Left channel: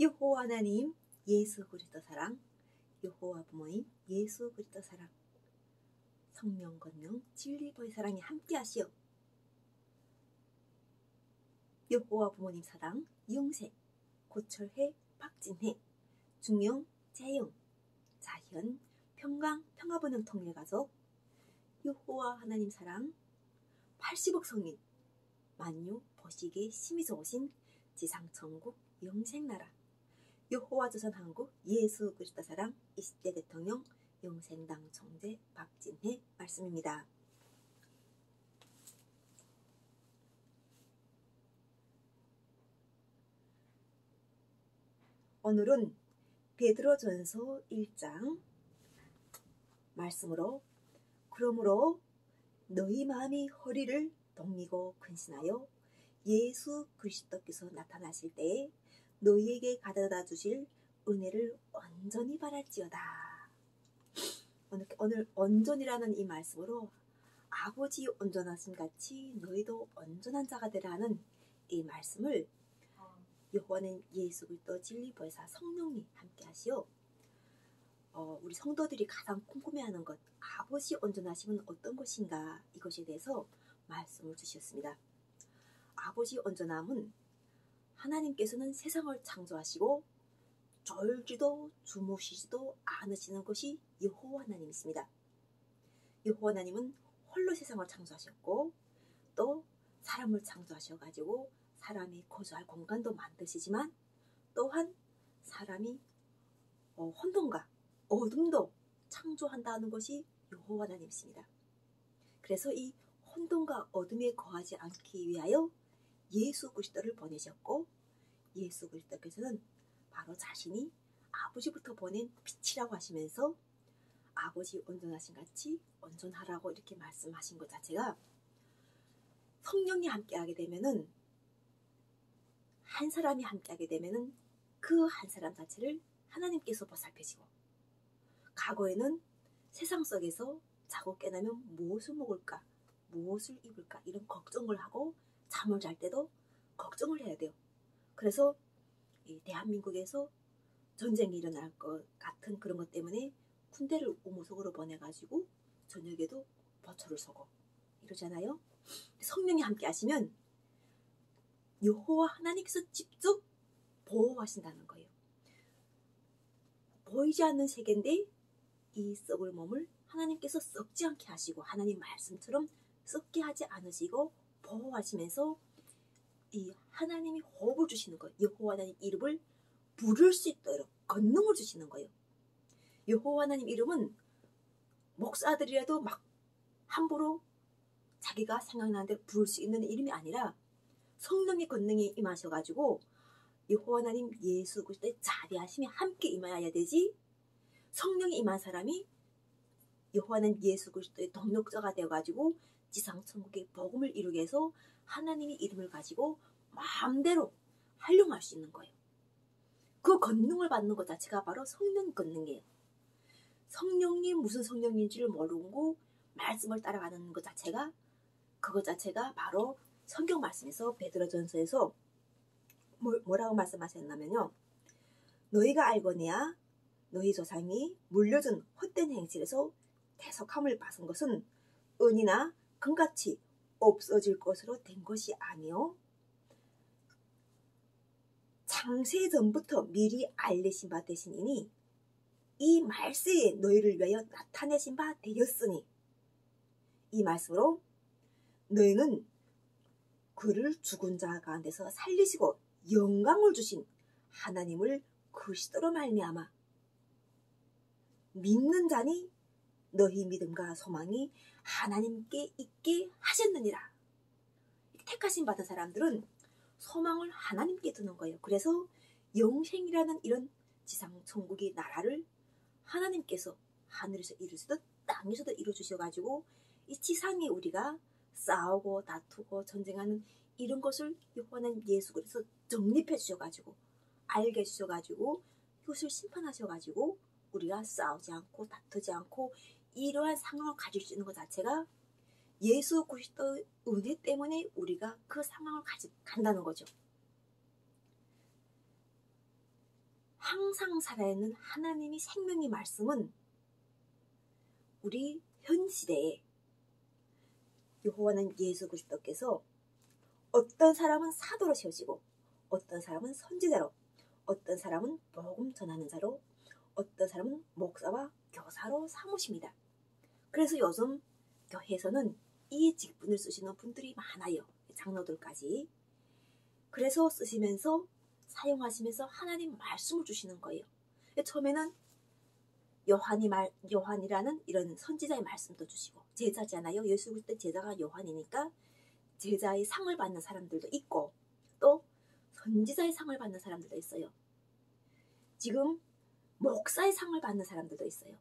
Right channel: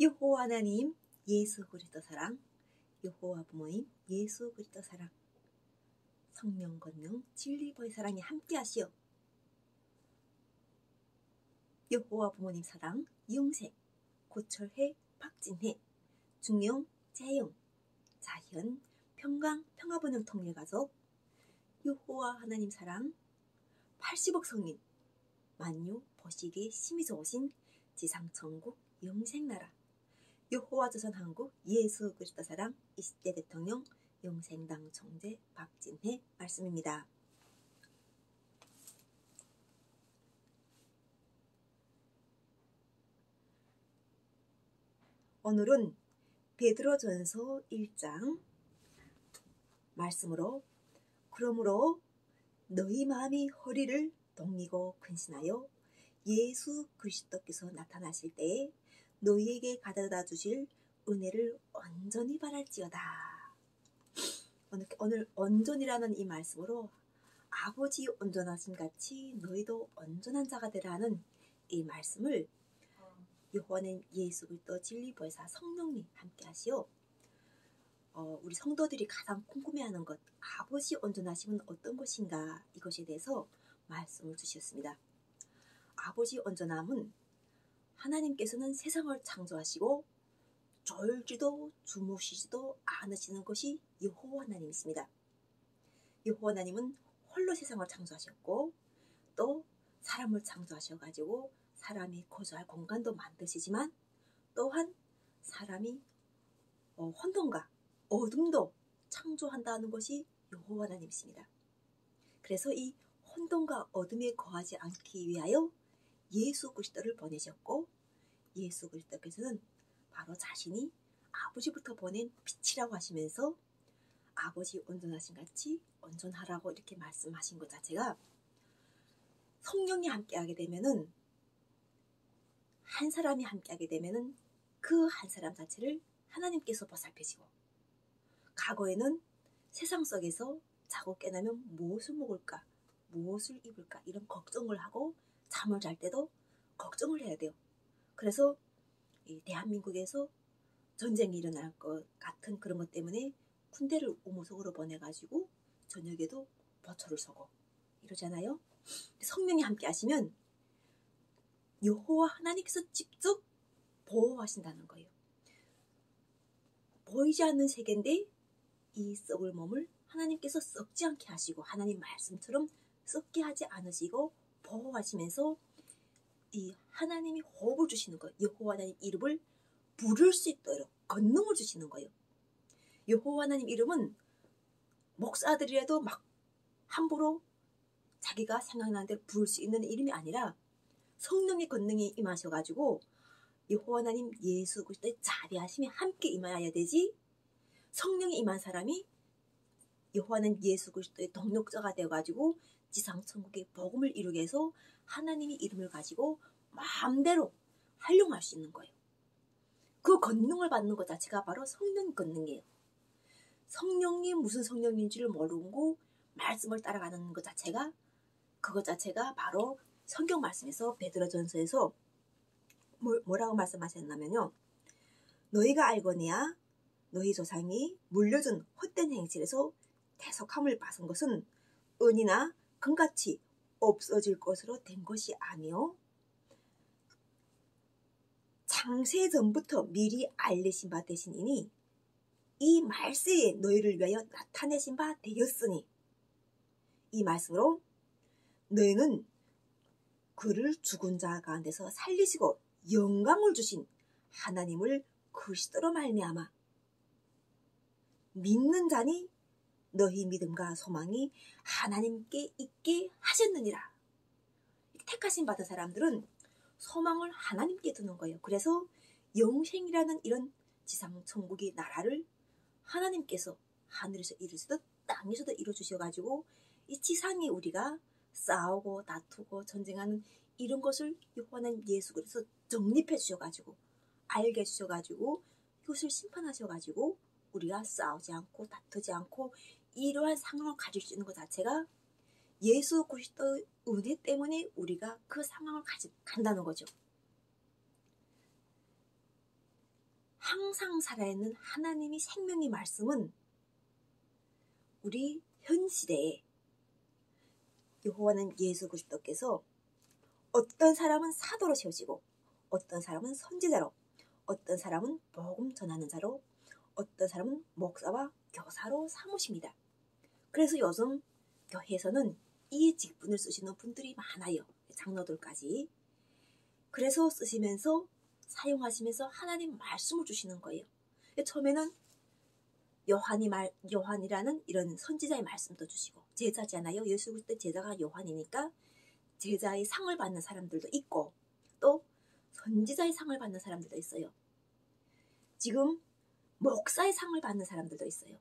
여호와 하나님 예수 그리스도 사랑, 여호와 부모님 예수 그리스도 사랑, 성령 권능 진리보의 사랑이 함께하시오. 여호와 부모님 사랑 이용세, 고철혜, 박진혜, 중용, 재용, 자현, 평강, 평화번영 통일가족, 여호와 하나님 사랑 80억 성인, 만유, 보시기, 심히 좋으신 지상천국 영생나라, 여호와 조선한국 예수 그리스도 사랑 20대 대통령 영생당 총재 박진혜 말씀입니다. 오늘은 베드로전서 1장 말씀으로, 그러므로 너희 마음이 허리를 동이고 근신하여 예수 그리스도께서 나타나실 때에 너희에게 가져다 주실 은혜를 온전히 바랄지어다. 오늘 온전이라는 이 말씀으로 아버지 온전하심 같이 너희도 온전한 자가 되라는 이 말씀을 여호와는 예수 그리스도 진리보혜사 성령님 함께 하시오. 우리 성도들이 가장 궁금해하는 것, 아버지 온전하심은 어떤 것인가, 이것에 대해서 말씀을 주셨습니다. 아버지 온전함은 하나님께서는 세상을 창조하시고 졸지도 주무시지도 않으시는 것이 여호와 하나님이십니다. 여호와 하나님은 홀로 세상을 창조하셨고 또 사람을 창조하셔가지고 사람이 거주할 공간도 만드시지만 또한 사람이 혼돈과 어둠도 창조한다는 것이 여호와 하나님이십니다. 그래서 이 혼돈과 어둠에 거하지 않기 위하여 예수 그리스도를 보내셨고, 예수 그리스도께서는 바로 자신이 아버지부터 보낸 빛이라고 하시면서 아버지 온전하신 같이 온전하라고 이렇게 말씀하신 것 자체가, 성령이 함께하게 되면은, 한 사람이 함께하게 되면은 그 한 사람 자체를 하나님께서 보살피시고, 과거에는 세상 속에서 자고 깨나면 무엇을 먹을까, 무엇을 입을까 이런 걱정을 하고 잠을 잘 때도 걱정을 해야 돼요. 그래서 이 대한민국에서 전쟁이 일어날 것 같은 그런 것 때문에 군대를 우무속으로 보내가지고 저녁에도 보초를 서고 이러잖아요. 성령이 함께 하시면 여호와 하나님께서 직접 보호하신다는 거예요. 보이지 않는 세계인데 이 썩을 몸을 하나님께서 썩지 않게 하시고, 하나님 말씀처럼 썩게 하지 않으시고 보호하시면서 이 하나님이 호흡을 주시는 거예요. 여호와 하나님 이름을 부를 수 있도록 권능을 주시는 거예요. 여호와 하나님 이름은 목사들이라도 막 함부로 자기가 생각나는데 부를 수 있는 이름이 아니라 성령의 권능이 임하셔가지고 여호와 하나님 예수 그리스도의 자비하심이 함께 임하여야 되지, 성령이 임한 사람이 여호와 하나님 예수 그리스도의 동력자가 되어가지고 지상천국의 복음을 이루게 해서 하나님의 이름을 가지고 마음대로 활용할 수 있는 거예요. 그 권능을 받는 것 자체가 바로 성령 권능이에요. 성령이 무슨 성령인지를 모르고 말씀을 따라가는 것 자체가, 그것 자체가 바로 성경 말씀에서 베드로전서에서 뭐라고 말씀하셨냐면요, 너희가 알거니와 너희 조상이 물려준 헛된 행실에서 대속함을 받은 것은 은이나 금같이 없어질 것으로 된 것이 아니요 창세 전부터 미리 알리신 바 되시니니 이 말세에 너희를 위하여 나타내신 바 되었으니, 이 말씀으로 너희는 그를 죽은 자 가운데서 살리시고 영광을 주신 하나님을 그리스도로 말미암아 믿는 자니 너희 믿음과 소망이 하나님께 있게 하셨느니라. 택하심 받은 사람들은 소망을 하나님께 두는 거예요. 그래서 영생이라는 이런 지상 천국의 나라를 하나님께서 하늘에서 이루시듯 땅에서도 이루어주셔가지고 이 지상에 우리가 싸우고 다투고 전쟁하는 이런 것을 여호와는 예수 그리스도 정립해 주셔가지고, 알게 해주셔가지고 이것을 심판하셔가지고 우리가 싸우지 않고 다투지 않고 이러한 상황을 가질 수 있는 것 자체가 예수 그리스도의 은혜 때문에 우리가 그 상황을 간다는 거죠. 항상 살아있는 하나님이 생명의 말씀은 우리 현 시대에 여호와는 예수 그리스도께서 어떤 사람은 사도로 세우시고 어떤 사람은 선지자로 어떤 사람은 복음 전하는 자로 어떤 사람은 목사와 교사로 삼으십니다. 그래서 요즘 교회에서는 이 직분을 쓰시는 분들이 많아요. 장로들까지. 그래서 쓰시면서 사용하시면서 하나님 말씀을 주시는 거예요. 처음에는 요한이라는 이런 선지자의 말씀도 주시고 제자잖아요. 예수 그리스도 제자가 요한이니까 제자의 상을 받는 사람들도 있고 또 선지자의 상을 받는 사람들도 있어요. 지금 목사의 상을 받는 사람들도 있어요.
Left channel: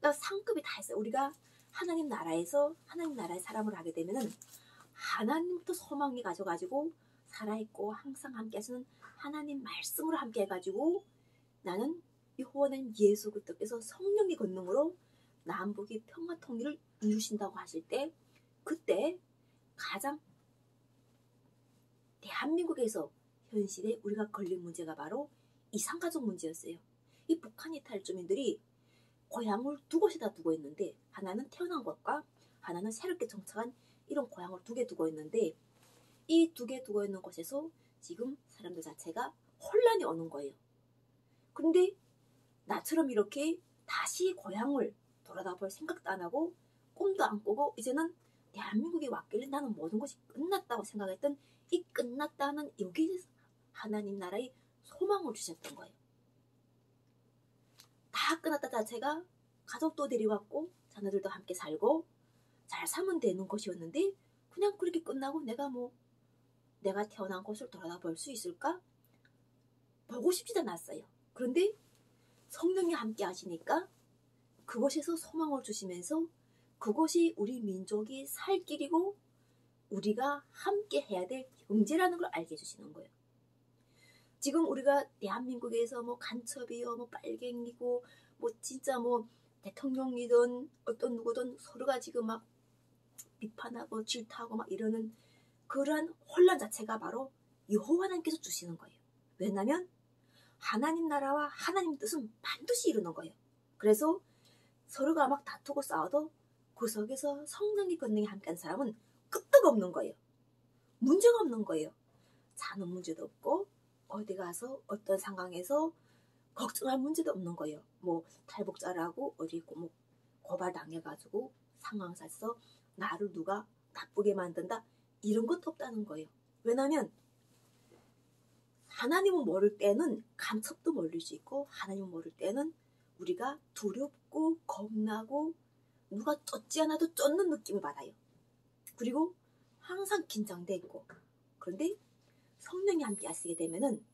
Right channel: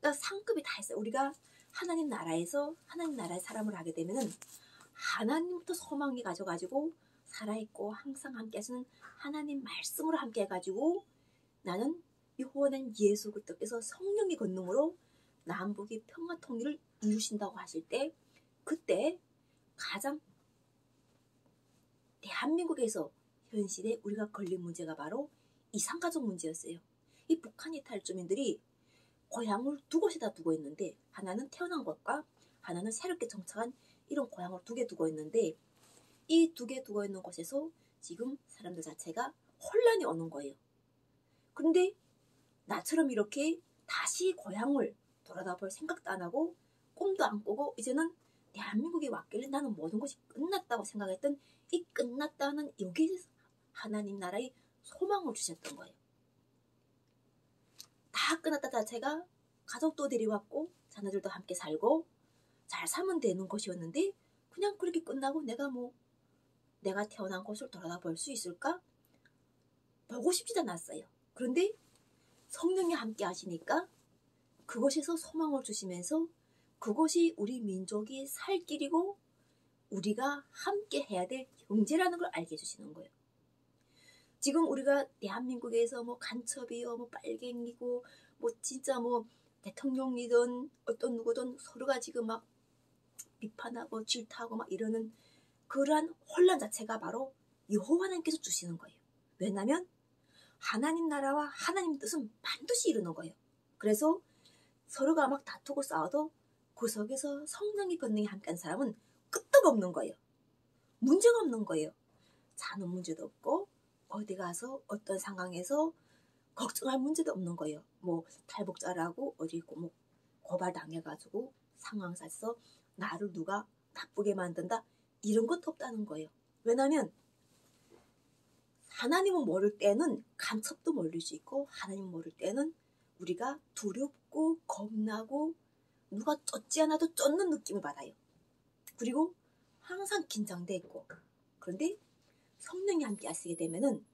그러니까 상급이 다 있어요. 우리가 하나님 나라에서 하나님 나라의 사람을 하게 되면은 하나님부터 소망이 가져가지고 살아있고 항상 함께 하시는 하나님 말씀으로 함께 해가지고 나는 여호와는 예수 그리스도께서 성령의 권능으로 남북의 평화 통일을 이루신다고 하실 때 그때 가장 대한민국에서 현실에 우리가 걸린 문제가 바로 이산가족 문제였어요. 이 북한 이탈 주민들이 고향을 두 곳에다 두고 있는데 하나는 태어난 곳과 하나는 새롭게 정착한 이런 고향을 두 개 두고 있는데 이 두 개 두고 있는 곳에서 지금 사람들 자체가 혼란이 오는 거예요. 그런데 나처럼 이렇게 다시 고향을 돌아다 볼 생각도 안 하고 꿈도 안 꾸고 이제는 대한민국에 왔길래 나는 모든 것이 끝났다고 생각했던 이 끝났다는 여기에서 하나님 나라의 소망을 주셨던 거예요. 다 끝났다 자체가 가족도 데려왔고 자녀들도 함께 살고 잘 살면 되는 것이었는데 그냥 그렇게 끝나고 내가 태어난 곳을 돌아다 볼 수 있을까? 보고 싶지도 않았어요. 그런데 성령이 함께 하시니까 그곳에서 소망을 주시면서 그곳이 우리 민족이 살 길이고 우리가 함께 해야 될 형제라는 걸 알게 해주시는 거예요. 지금 우리가 대한민국에서 간첩이요, 빨갱이고, 진짜 대통령이든 어떤 누구든 서로가 지금 막 비판하고 질타하고 막 이러는 그러한 혼란 자체가 바로 여호와 하나님께서 주시는 거예요. 왜냐하면 하나님 나라와 하나님 뜻은 반드시 이루는 거예요. 그래서 서로가 막 다투고 싸워도 그 속에서 성령의 권능이 함께한 사람은 끄떡 없는 거예요. 문제가 없는 거예요. 자는 문제도 없고 어디 가서 어떤 상황에서 걱정할 문제도 없는 거예요. 탈북자라고 어디 고발당해가지고 상황에서 나를 누가 나쁘게 만든다 이런 것도 없다는 거예요. 왜냐하면 하나님을 모를 때는 간첩도 모를 수 있고 하나님을 모를 때는 우리가 두렵고 겁나고 누가 쫓지 않아도 쫓는 느낌을 받아요. 그리고 항상 긴장돼 있고 그런데 성령이 함께 하시게 되면은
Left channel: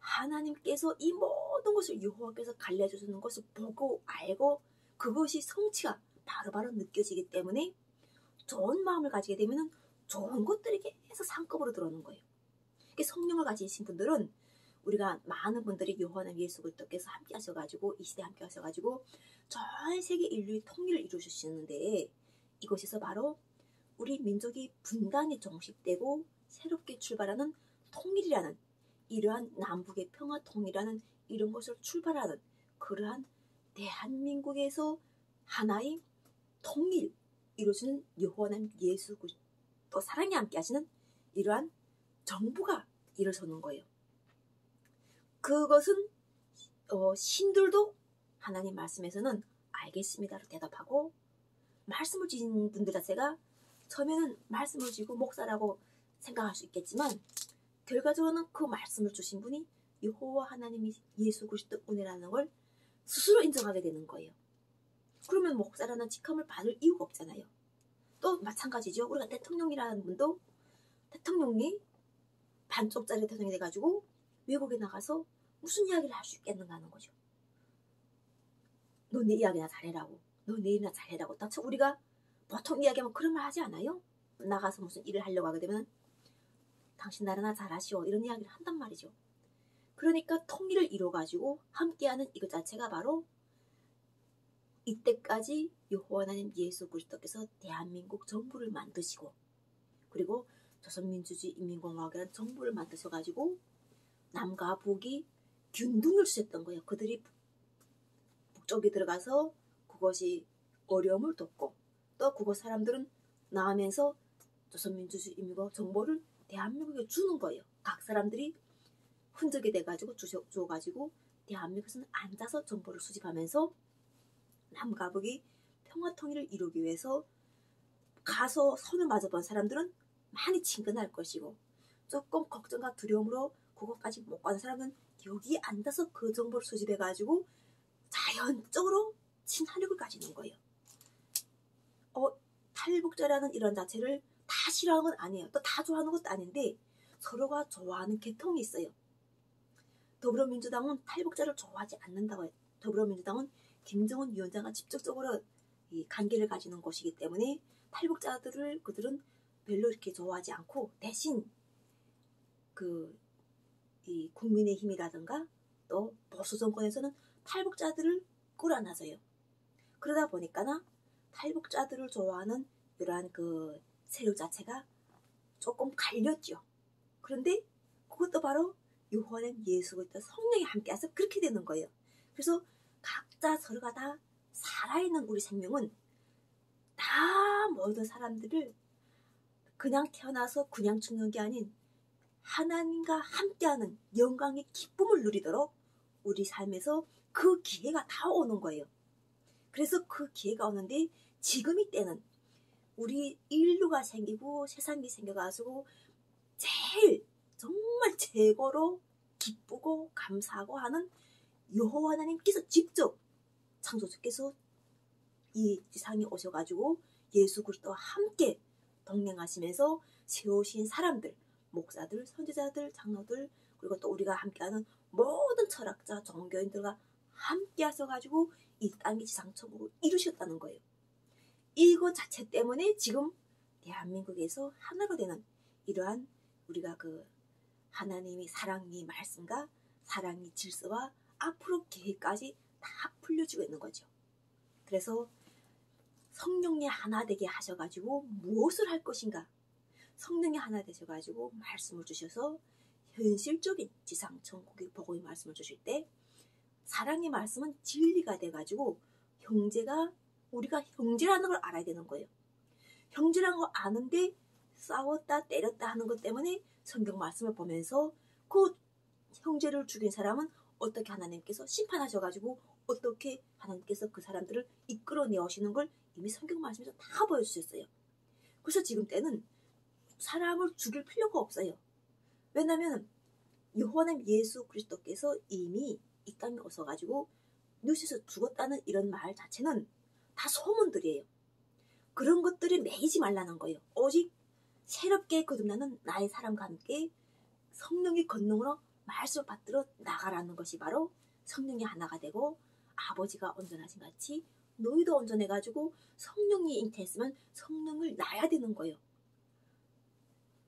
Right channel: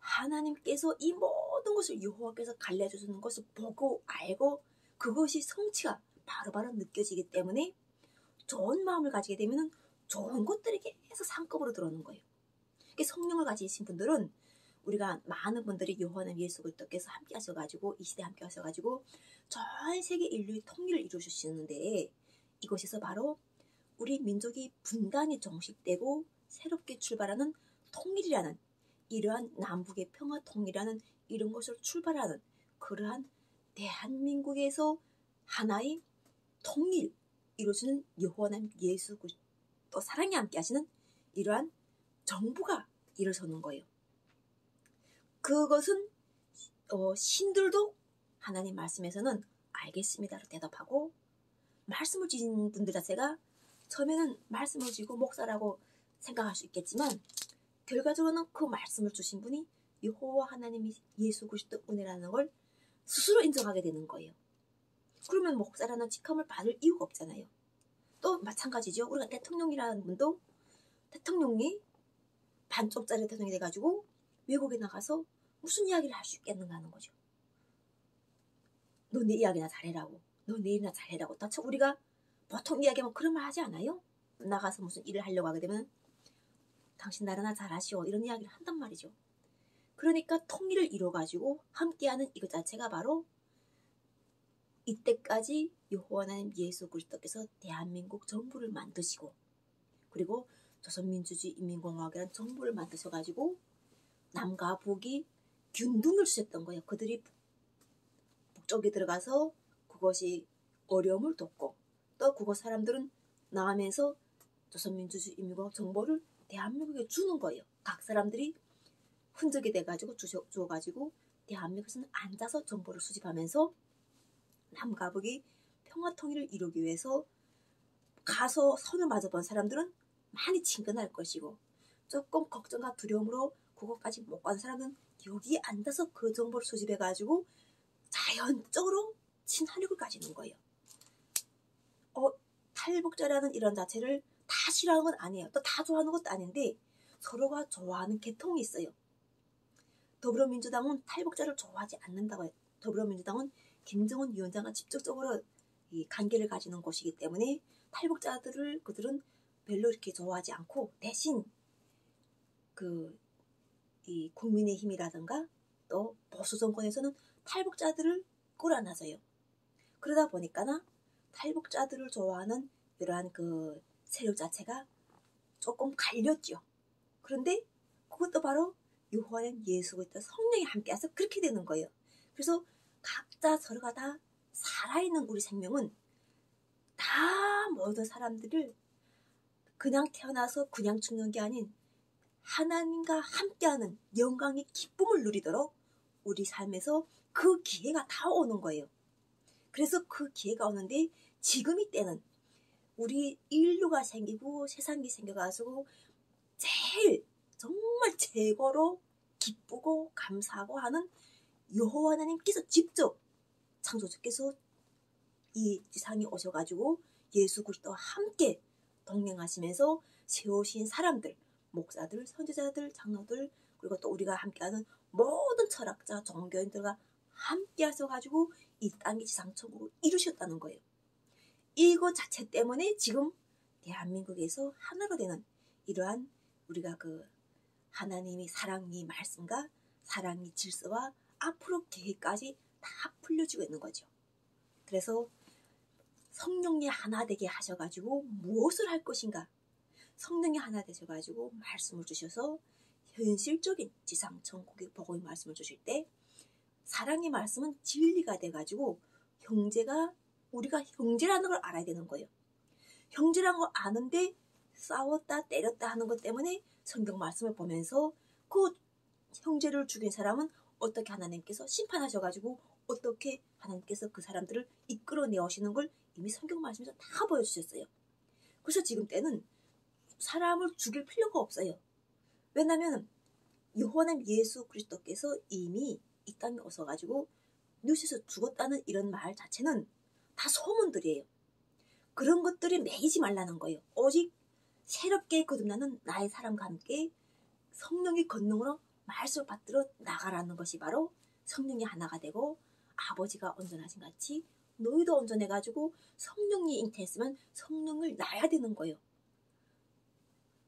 하나님께서 이 모든 것을 여호와께서 갈려주시는 것을 보고 알고 그것이 성취가 바로바로 느껴지기 때문에 좋은 마음을 가지게 되면은 좋은 것들이 계속 상급으로 들어오는 거예요. 성령을 가지신 분들은 우리가 많은 분들이 여호와는 예수 그리스도께서 함께 하셔가지고 이 시대 함께 하셔가지고 전 세계 인류의 통일을 이루시는데 이것에서 바로 우리 민족이 분단이 종식되고 새롭게 출발하는 통일이라는 이러한 남북의 평화 통일이라는 이런 것을 출발하는 그러한 대한민국에서 하나의 통일 이루시는 여호와는 예수 그리스도 사랑이 함께 하시는 이러한 정부가 일어서는 거예요. 그것은 신들도 하나님 말씀에서는 알겠습니다로 대답하고 말씀을 주신 분들 자체가 처음에는 말씀을 주고 목사라고 생각할 수 있겠지만 결과적으로는 그 말씀을 주신 분이 여호와 하나님이 예수 그리스도 은혜라는 걸 스스로 인정하게 되는 거예요. 그러면 목사라는 직함을 받을 이유가 없잖아요. 또 마찬가지죠. 우리가 대통령이라는 분도 대통령이 반쪽짜리 대통령이 돼가지고 외국에 나가서 무슨 이야기를 할 수 있겠는가 하는 거죠. 너 내 이야기나 잘해라고. 너 내 일이나 잘해라고. 또 우리가 보통 이야기하면 그런 말 하지 않아요? 나가서 무슨 일을 하려고 하게 되면 당신 나라나 잘하시오. 이런 이야기를 한단 말이죠. 그러니까 통일을 이뤄가지고 함께하는 이것 자체가 바로 이때까지 여호와 하나님 예수 그리스도께서 대한민국 정부를 만드시고 그리고 조선민주주의 인민공화국이라는 정부를 만드셔가지고 남과 북이 균등을 주셨던 거예요. 그들이 북쪽에 들어가서 그것이 어려움을 돕고 또 그곳 사람들은 나오면서 조선민주주의인민국 정보를 대한민국에 주는 거예요. 각 사람들이 흔적이 돼가지고 주어가지고 대한민국에서는 앉아서 정보를 수집하면서 남과 북이 평화통일을 이루기 위해서 가서 선을 맞아본 사람들은 많이 친근할 것이고 조금 걱정과 두려움으로 그것까지 못 가는 사람은 여기 앉아서 그 정보를 수집해가지고 자연적으로 친화력을 가지는 거예요. 탈북자라는 이런 자체를 다 싫어하는 건 아니에요. 또 다 좋아하는 것도 아닌데 서로가 좋아하는 계통이 있어요. 더불어민주당은 탈북자를 좋아하지 않는다고 해요. 더불어민주당은 김정은 위원장과 직접적으로 이 관계를 가지는 곳이기 때문에 탈북자들을 그들은 별로 이렇게 좋아하지 않고 대신 이 국민의힘이라든가 또 보수 정권에서는 탈북자들을 끌어안아줘요. 그러다 보니까나 탈북자들을 좋아하는 이러한 그 세력 자체가 조금 갈렸죠. 그런데 그것도 바로 요한의 예수 그리스도 성령이 함께해서 그렇게 되는 거예요. 그래서 각자 서로가 다 살아있는 우리 생명은 다 모든 사람들을 그냥 태어나서 그냥 죽는 게 아닌 하나님과 함께하는 영광의 기쁨을 누리도록 우리 삶에서 그 기회가 다 오는 거예요. 그래서 그 기회가 오는데 지금 이때는 우리 인류가 생기고 세상이 생겨가지고 제일 정말 최고로 기쁘고 감사하고 하는 여호와 하나님께서 직접 창조주께서 이 지상에 오셔가지고 예수 그리스도와 함께 동행하시면서 세우신 사람들, 목사들, 선지자들, 장로들 그리고 또 우리가 함께하는 모든 철학자, 종교인들과 함께 하셔가지고 이 땅의 지상천국을 이루셨다는 거예요. 이거 자체 때문에 지금 대한민국에서 하나가 되는 이러한 우리가 그 하나님이 사랑의 말씀과 사랑의 질서와 앞으로 계획까지 다 풀려지고 있는 거죠. 그래서 성령이 하나 되게 하셔가지고 무엇을 할 것인가? 성령이 하나 되셔가지고 말씀을 주셔서 현실적인 지상천국의 복음의 말씀을 주실 때 사랑의 말씀은 진리가 돼가지고 형제가 우리가 형제라는 걸 알아야 되는 거예요. 형제라는 걸 아는데 싸웠다 때렸다 하는 것 때문에 성경 말씀을 보면서 그 형제를 죽인 사람은 어떻게 하나님께서 심판하셔가지고 어떻게 하나님께서 그 사람들을 이끌어내오시는 걸 이미 성경 말씀에서 다 보여주셨어요. 그래서 지금 때는 사람을 죽일 필요가 없어요. 왜냐하면 여호와는 예수 그리스도께서 이미 이 땅에 오셔가지고 누셔서 죽었다는 이런 말 자체는 다 소문들이에요. 그런 것들에 매이지 말라는 거예요. 오직 새롭게 거듭나는 나의 사람과 함께 성령의 권능으로 말씀을 받들어 나가라는 것이 바로 성령이 하나가 되고 아버지가 온전하신 같이 너희도 온전해가지고 성령이 잉태했으면 성령을 낳아야 되는 거예요.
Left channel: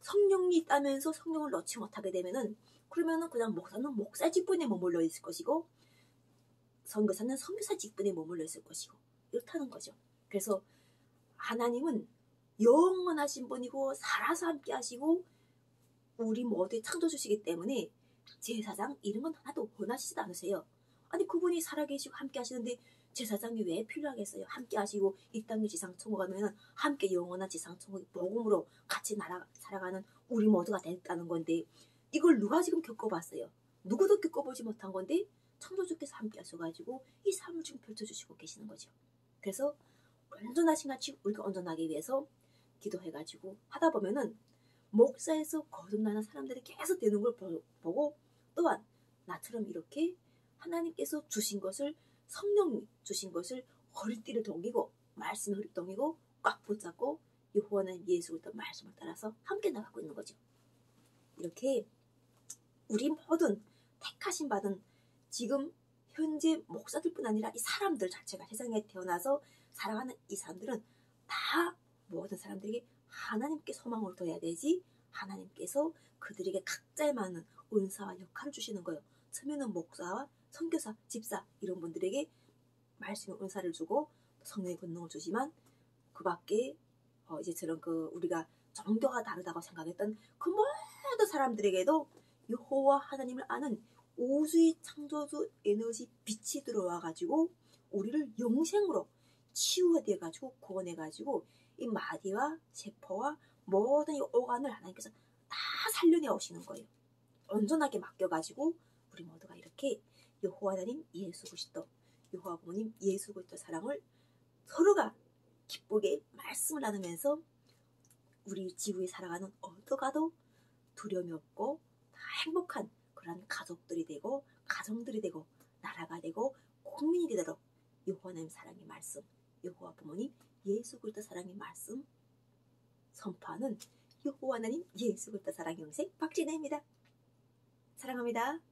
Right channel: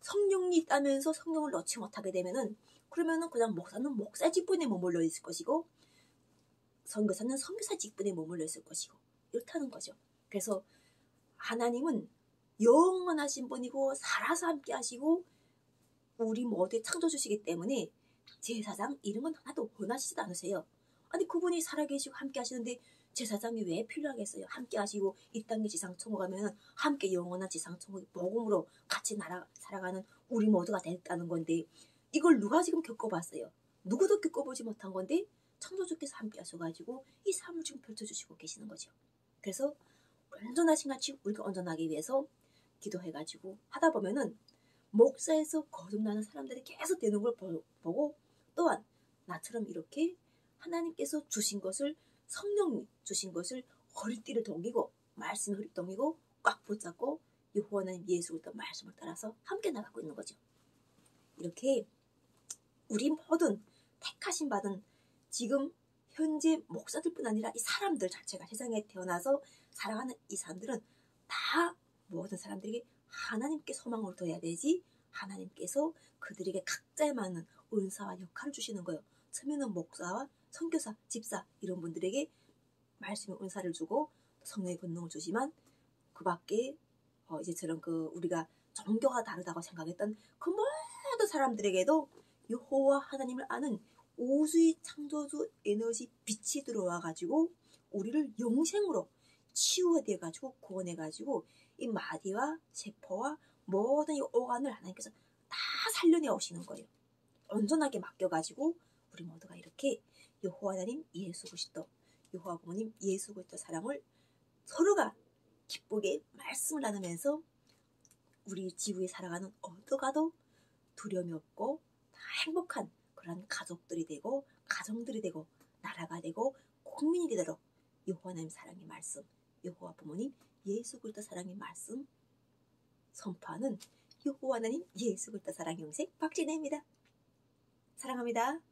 성령이 있다면서 성령을 넣지 못하게 되면은 그러면은 그냥 목사는 목사 직분에 머물러 있을 것이고 선교사는 선교사 직분에 머물러 있을 것이고 이렇다는 거죠. 그래서 하나님은 영원하신 분이고 살아서 함께 하시고 우리 모두의 창조주시기 때문에 제사장 이런 건 하나도 원하시지도 않으세요. 아니 그분이 살아계시고 함께 하시는데 제사장이 왜 필요하겠어요? 함께 하시고 이 땅의 지상천국 가면 함께 영원한 지상천국의 복음으로 같이 살아가는 우리 모두가 됐다는 건데 이걸 누가 지금 겪어봤어요? 누구도 겪어보지 못한 건데 창조주께서 함께 하셔가지고 이 삶을 지금 펼쳐주시고 계시는 거죠. 그래서 온전하신 같이 우리가 온전하기 위해서 기도해가지고 하다 보면은 목사에서 거듭나는 사람들이 계속 되는 걸 보고 또한 나처럼 이렇게 하나님께서 주신 것을 성령이 주신 것을 허리띠를 동이고 말씀을 허리 동이고 꽉 붙잡고 여호와는 예수 그리스도 말씀을 따라서 함께 나가고 있는 거죠. 이렇게 우리 모든 택하신 받은 지금 현재 목사들뿐 아니라 이 사람들 자체가 세상에 태어나서 살아가는 이 사람들은 다 모든 사람들에게 하나님께 소망을 둬야 되지 하나님께서 그들에게 각자에 맞는 은사와 역할을 주시는 거예요. 처음에는 목사와 선교사, 집사 이런 분들에게 말씀의 은사를 주고 성령의 권능을 주지만 그 밖에 이제처럼 우리가 종교가 다르다고 생각했던 그 모든 사람들에게도 여호와 하나님을 아는 우주의 창조주 에너지 빛이 들어와가지고 우리를 영생으로 치유해가지고 구원해가지고 이 마디와 세포와 모든 이 오간을 하나님께서 다 살려내 오시는 거예요. 온전하게 맡겨가지고 우리 모두가 이렇게 여호와 하나님 예수 그리스도, 여호와 부모님 예수 그리스도 사랑을 서로가 기쁘게 말씀을 나누면서 우리 지구에 살아가는 어떠가도 두려움이 없고 다 행복한 그런 가족들이 되고 가정들이 되고 나라가 되고 국민이 되도록 여호와 하나님 사랑의 말씀, 여호와 부모님 예수 그리스도 사랑의 말씀 선포하는 여호와 하나님 예수 그리스도 사랑의 영생 박진혜입니다. 사랑합니다.